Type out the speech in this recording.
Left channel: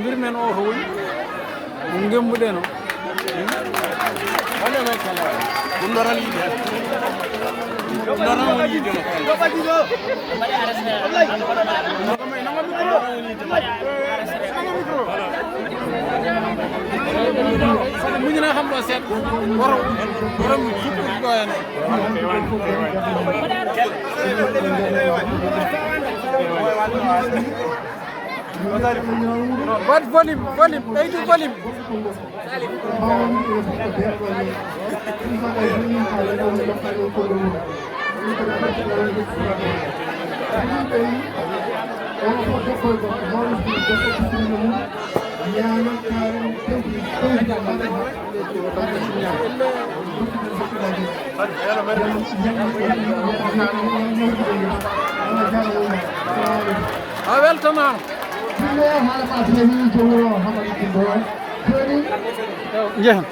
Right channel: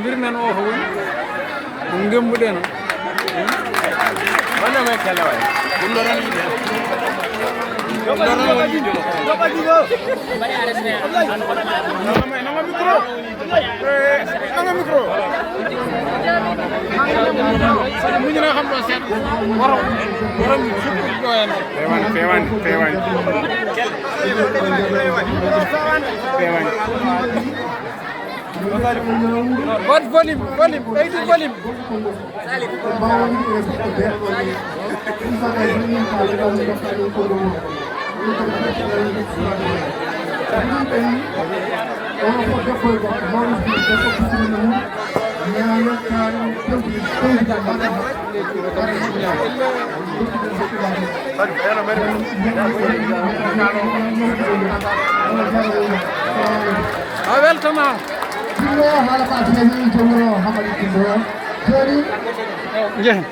mbir men o ko woni ɗum gembuɗen o walla may kala way ɗum ɗo tan yiide muñina xam ɗo seeɗa worom fukkude ɗo hen pewani wat volume ɓeydu volume a weltama jeehan